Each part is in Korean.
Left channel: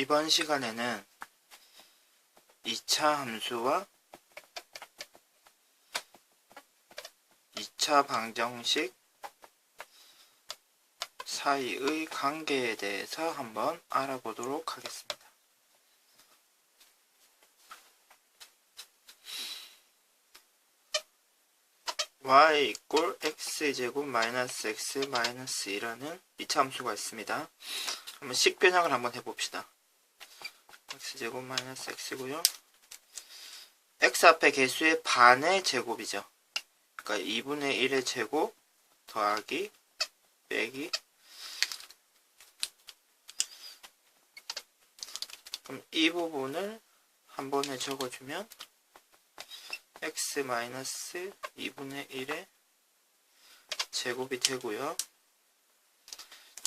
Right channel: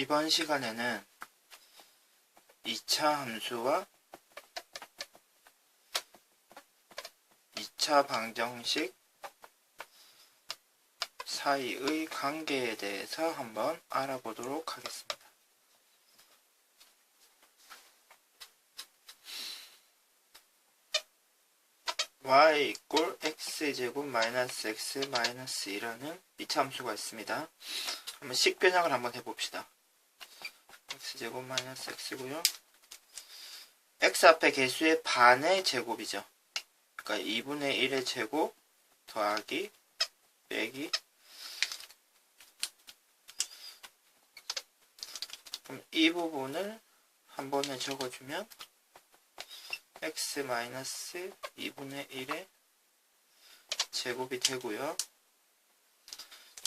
이번 시간에는 2차 함수와 2차 방정식 사이의 관계에 대해서 한번 알아보도록 하겠습니다. y 이꼴 x제곱 마이너스 x 마이너스 2라는 2차 함수가 있습니다. 한번 식변형을 한번 해봅시다. X제곱 마이너스 x고요. x 앞에 개수의 반의 제곱이죠. 그러니까 2분의 1의 제곱 더하기 빼기 그럼 이 부분을 한 번에 적어주면 x 마이너스 2분의 1의 제곱이 되고요.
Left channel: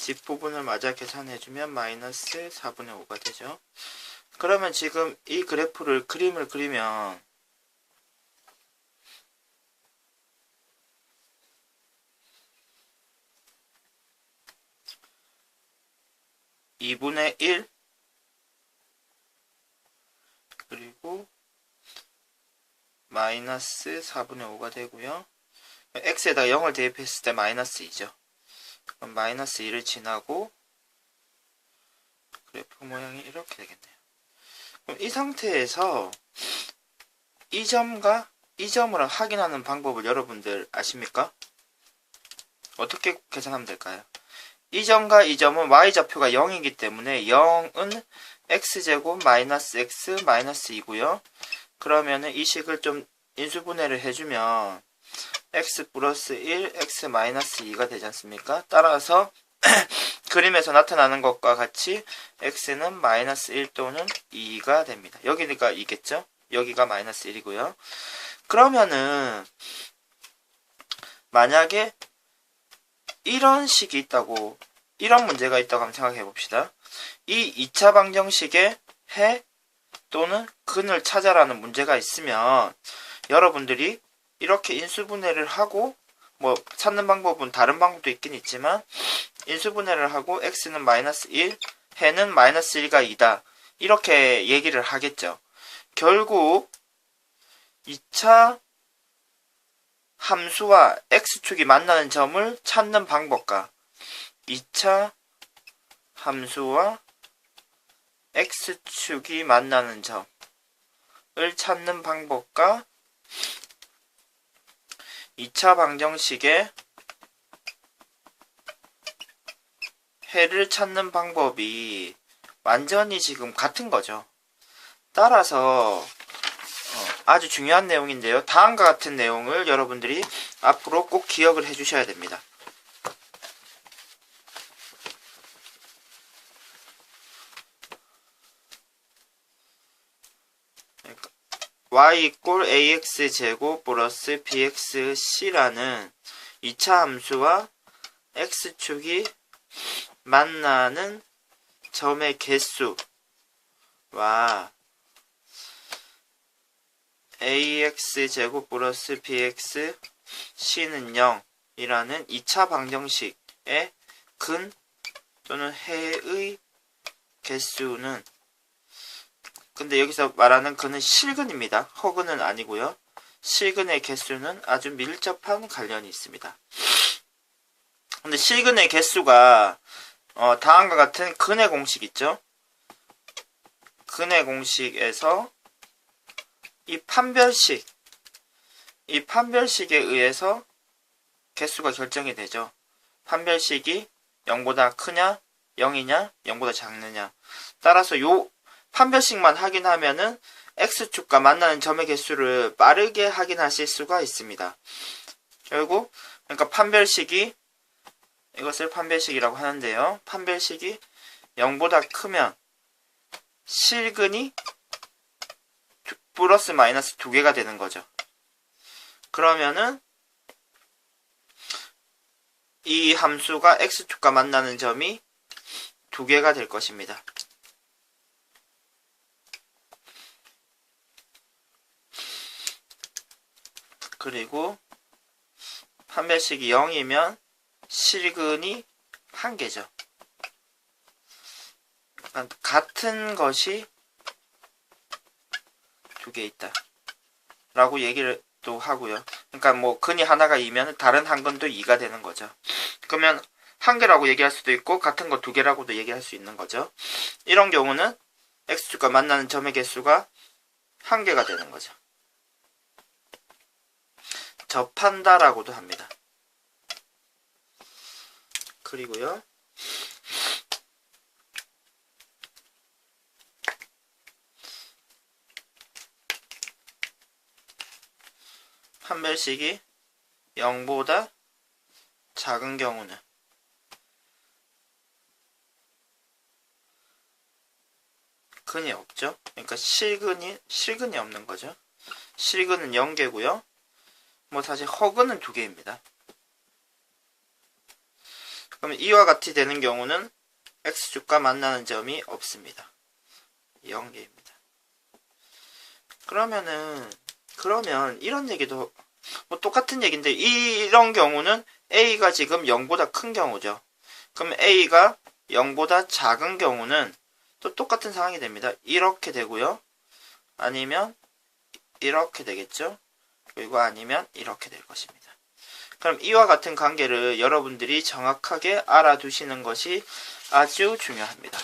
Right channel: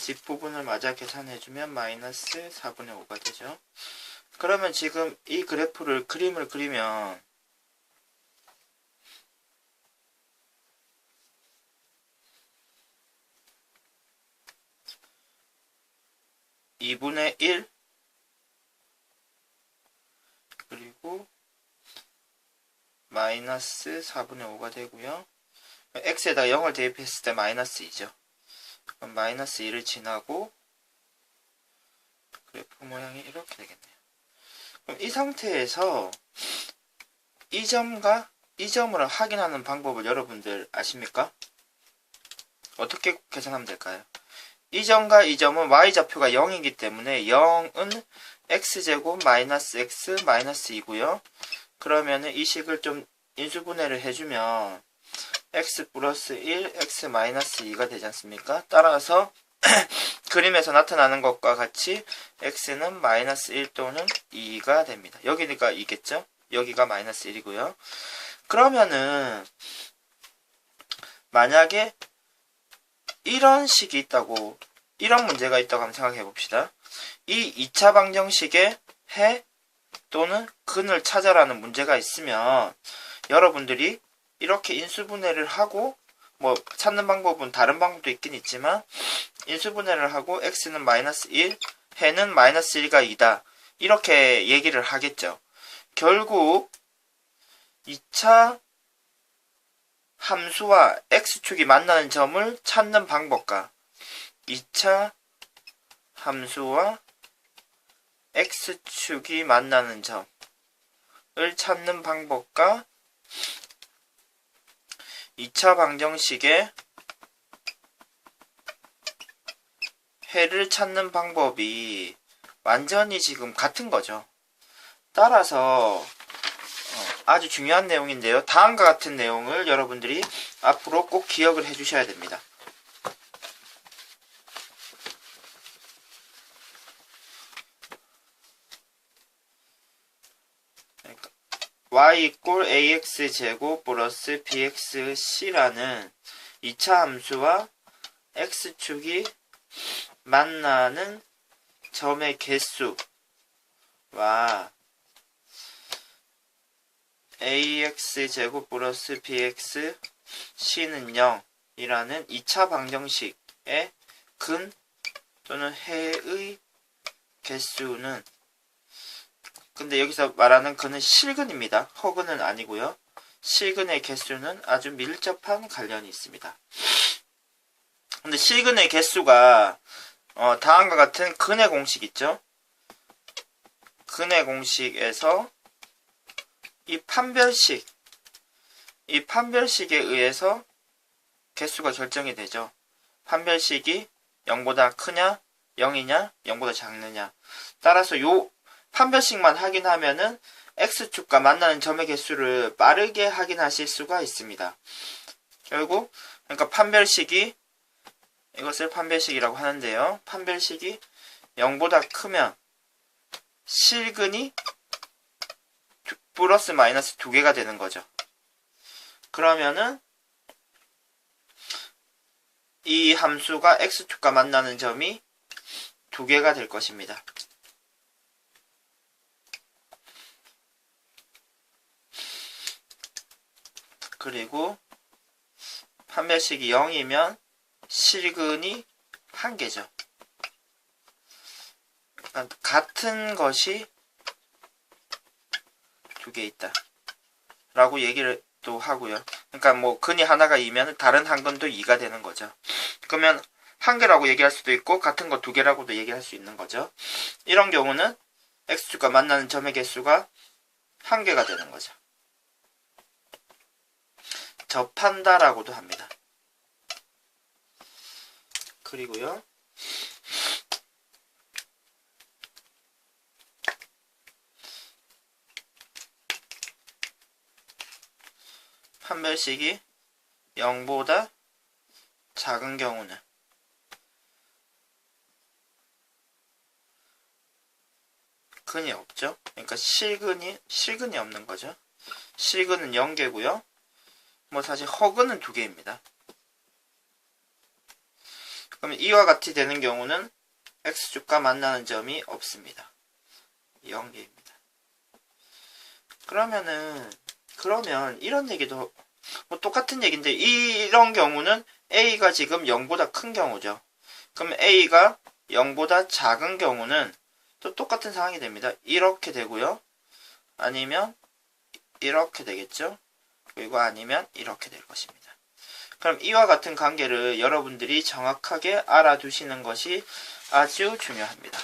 뒷부분을 마저 계산해주면 마이너스 4분의 5가 되죠. 그러면 지금 이 그래프를 그림을 그리면 이분의 1 그리고 마이너스 4분의 5가 되고요. x에다 0을 대입했을 때 마이너스 2죠. 그럼 마이너스 2를 지나고 그래프 모양이 이렇게 되겠네요. 이 상태에서 이 점과 이 점을 확인하는 방법을 여러분들 아십니까? 어떻게 계산하면 될까요? 이 점과 이 점은 y좌표가 0이기 때문에 0은 x제곱 마이너스 x 마이너스 2고요. 그러면은 이 식을 좀 인수분해를 해주면 x 플러스 1, x 마이너스 2가 되지 않습니까? 따라서 그림에서 나타나는 것과 같이 x는 마이너스 1 또는 2가 됩니다. 여기니까 2겠죠? 여기가 마이너스 1이고요. 그러면은 만약에 이런 식이 있다고 이런 문제가 있다고 한번 생각해 봅시다. 이 2차 방정식에 해 또는 근을 찾아라는 문제가 있으면 여러분들이 이렇게 인수분해를 하고 뭐 찾는 방법은 다른 방법도 있긴 있지만 인수분해를 하고 x는 마이너스 1, 해는 마이너스 1가 2다 이렇게 얘기를 하겠죠. 결국 2차 함수와 x축이 만나는 점을 찾는 방법과 2차 함수와 x축이 만나는 점을 찾는 방법과 2차 방정식의 해를 찾는 방법이 완전히 지금 같은 거죠. 따라서 어, 아주 중요한 내용인데요. 다음과 같은 내용을 여러분들이 앞으로 꼭 기억을 해 주셔야 됩니다. Y 이꼴 ax 제곱 플러스 bxc라는 2차 함수와 x축이 만나는 점의 개수와 ax 제곱 플러스 bx c는 0이라는 2차 방정식의 근 또는 해의 개수는 근데 여기서 말하는 근은 실근입니다. 허근은 아니고요. 실근의 개수는 아주 밀접한 관련이 있습니다. 근데 실근의 개수가 어, 다음과 같은 근의 공식 있죠? 근의 공식에서 이 판별식 이 판별식에 의해서 개수가 결정이 되죠. 판별식이 0보다 크냐, 0이냐, 0보다 작느냐. 따라서 요 판별식만 확인하면은 x축과 만나는 점의 개수를 빠르게 확인하실 수가 있습니다. 결국 그러니까 판별식이 이것을 판별식이라고 하는데요. 판별식이 0보다 크면 실근이 플러스 마이너스 두 개가 되는 거죠. 그러면은 이 함수가 x축과 만나는 점이 두 개가 될 것입니다. 그리고 판별식이 0이면 실근이 한 개죠. 그러니까 같은 것이 두 개 있다. 라고 얘기를 또 하고요. 그러니까 뭐 근이 하나가 2면 다른 한 근도 2가 되는 거죠. 그러면 한 개라고 얘기할 수도 있고 같은 거 두 개라고도 얘기할 수 있는 거죠. 이런 경우는 x축과 만나는 점의 개수가 한 개가 되는 거죠. 접한다라고도 합니다. 그리고요. 판별식이 0보다 작은 경우는 근이 없죠. 그러니까 실근이 실근이 없는 거죠. 실근은 0개고요. 뭐 사실 허근은 2개입니다. 그러면 이와 같이 되는 경우는 x축과 만나는 점이 없습니다. 0개입니다. 그러면은 그러면 이런 얘기도 뭐 똑같은 얘기인데 이런 경우는 a가 지금 0보다 큰 경우죠. 그럼 a가 0보다 작은 경우는 또 똑같은 상황이 됩니다. 이렇게 되고요. 아니면 이렇게 되겠죠. 그리고 아니면 이렇게 될 것입니다. 그럼 이와 같은 관계를 여러분들이 정확하게 알아두시는 것이 아주 중요합니다.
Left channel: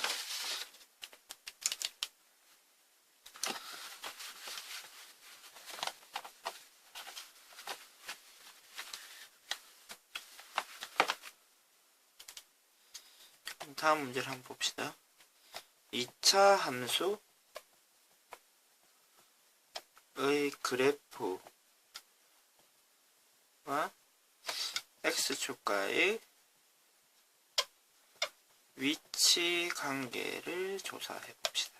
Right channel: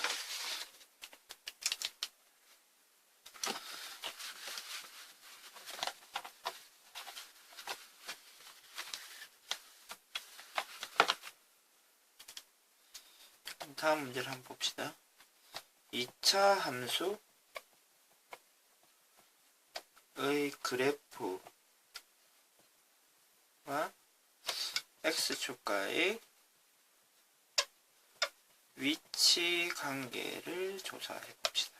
다음 문제를 한번 봅시다. 2차 함수의 그래프 와 x축과의 위치 관계를 조사해 봅시다.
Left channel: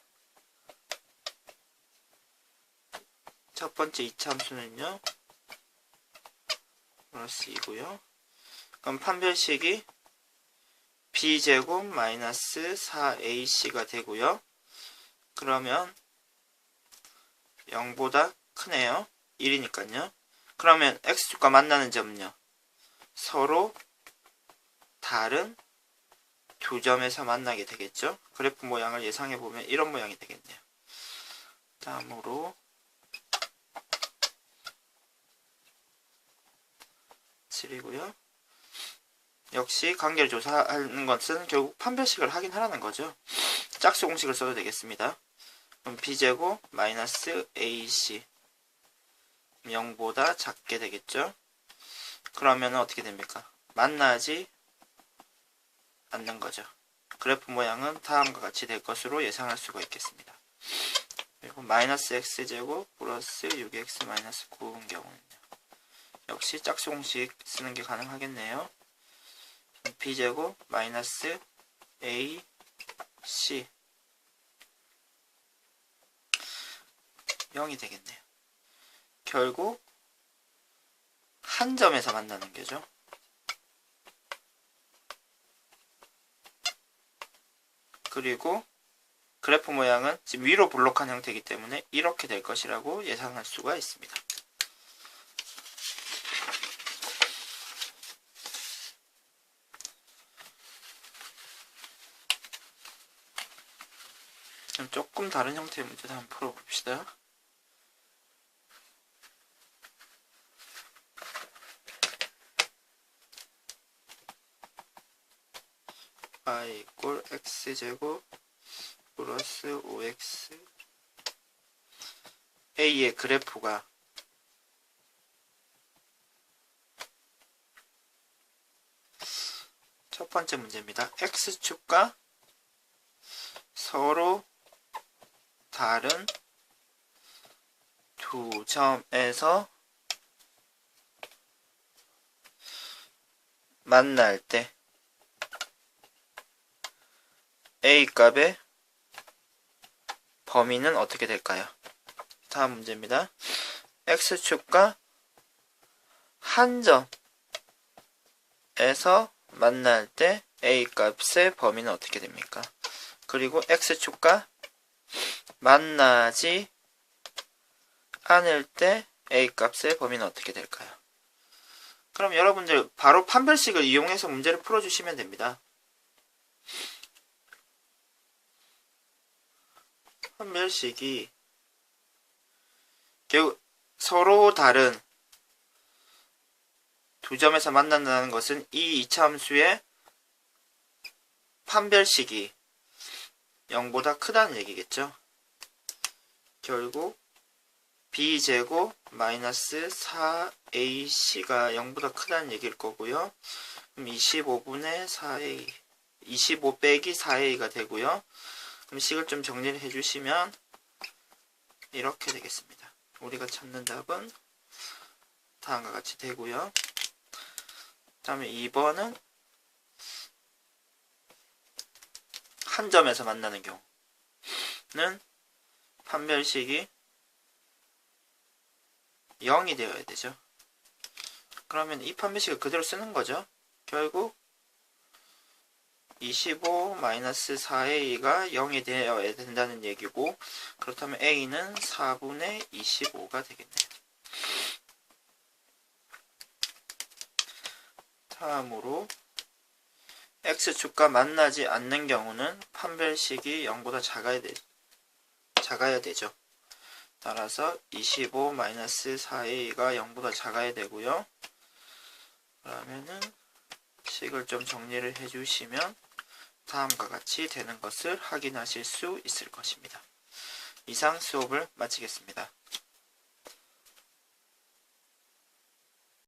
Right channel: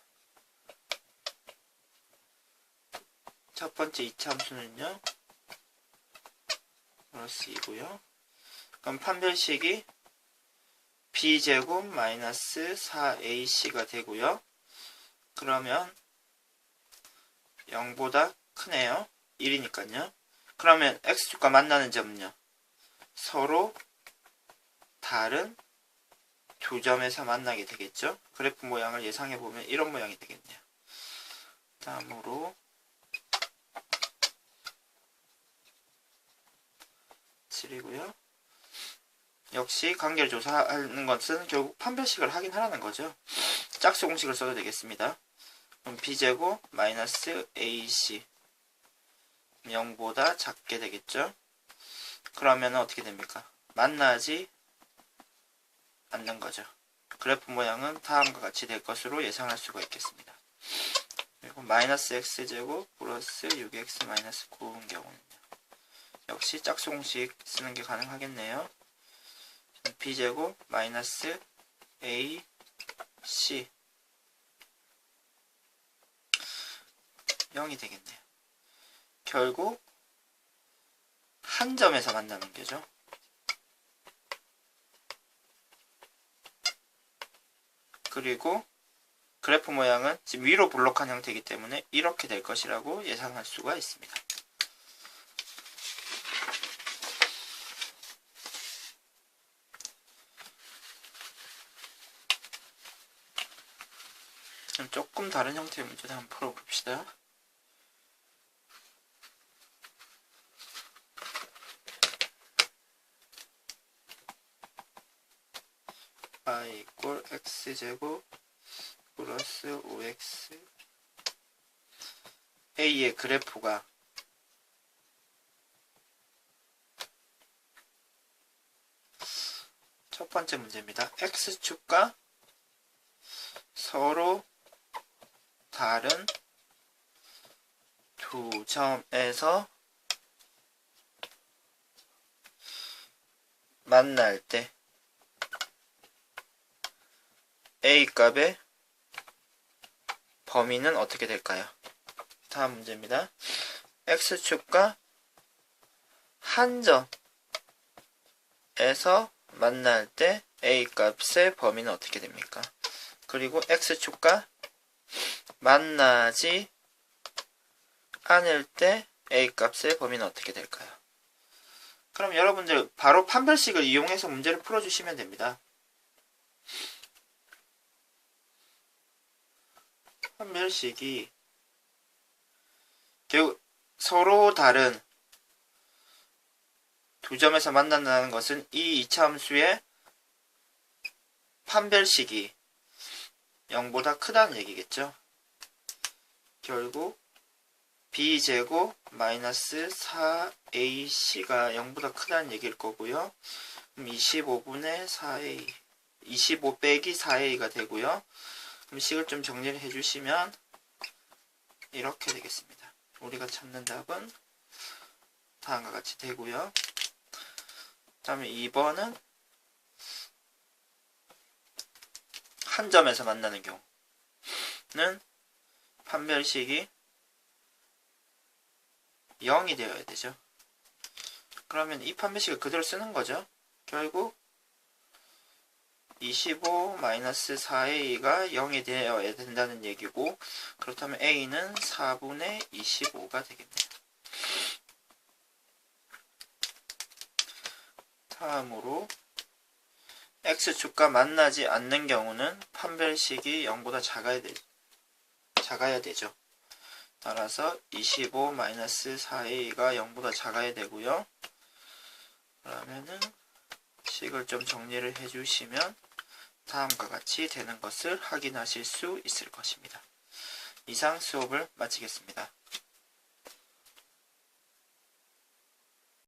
첫 번째 2차 함수는요. 플러스 2고요. 그럼 판별식이 b제곱 마이너스 4ac가 되고요. 그러면 0보다 크네요. 1이니까요. 그러면 x축과 만나는 점은요. 서로 다른 두 점에서 만나게 되겠죠. 그래프 모양을 예상해 보면 이런 모양이 되겠네요. 다음으로 7이고요. 역시 관계를 조사하는 것은 결국 판별식을 하긴 하라는 거죠. 짝수 공식을 써도 되겠습니다. 그럼 b제곱 마이너스 ac 0보다 작게 되겠죠. 그러면 어떻게 됩니까? 만나지 않는 거죠. 그래프 모양은 다음과 같이 될 것으로 예상할 수가 있겠습니다. 그리고 마이너스 x제곱 플러스 6x 마이너스 9인 경우는요. 역시 짝수 공식 쓰는 게 가능하겠네요. b제곱 마이너스 a c 0이 되겠네요. 결국 한 점에서 만나는 게죠. 그리고 그래프 모양은 지금 위로 블록한 형태이기 때문에 이렇게 될 것이라고 예상할 수가 있습니다. 조금 다른 형태의 문제를 한번 풀어봅시다. y 이꼴 x제곱 플러스 5x a의 그래프가 첫 번째 문제입니다. x축과 서로 다른 두 점에서 만날 때 a 값의 범위는 어떻게 될까요? 다음 문제입니다. x축과 한 점에서 만날 때 a 값의 범위는 어떻게 됩니까? 그리고 x축과 만나지 않을 때 a 값의 범위는 어떻게 될까요? 그럼 여러분들 바로 판별식을 이용해서 문제를 풀어주시면 됩니다. 판별식이 결국 서로 다른 두 점에서 만난다는 것은 이 이차함수의 판별식이 0보다 크다는 얘기겠죠. 결국 b제곱 마이너스 4ac가 0보다 크다는 얘기일 거고요. 그럼 25분의 4a 25 빼기 4a가 되고요. 그럼 식을 좀 정리를 해주시면 이렇게 되겠습니다. 우리가 찾는 답은 다음과 같이 되고요. 다음에 2번은 한 점에서 만나는 경우는 판별식이 0이 되어야 되죠. 그러면 이 판별식을 그대로 쓰는 거죠. 결국 25 마이너스 4a가 0이 되어야 된다는 얘기고 그렇다면 a는 4분의 25가 되겠네요. 다음으로 x축과 만나지 않는 경우는 판별식이 0보다 작아야, 되, 작아야 되죠. 따라서 25 마이너스 4a가 0보다 작아야 되고요. 그러면은 식을 좀 정리를 해주시면 다음과 같이 되는 것을 확인하실 수 있을 것입니다. 이상 수업을 마치겠습니다.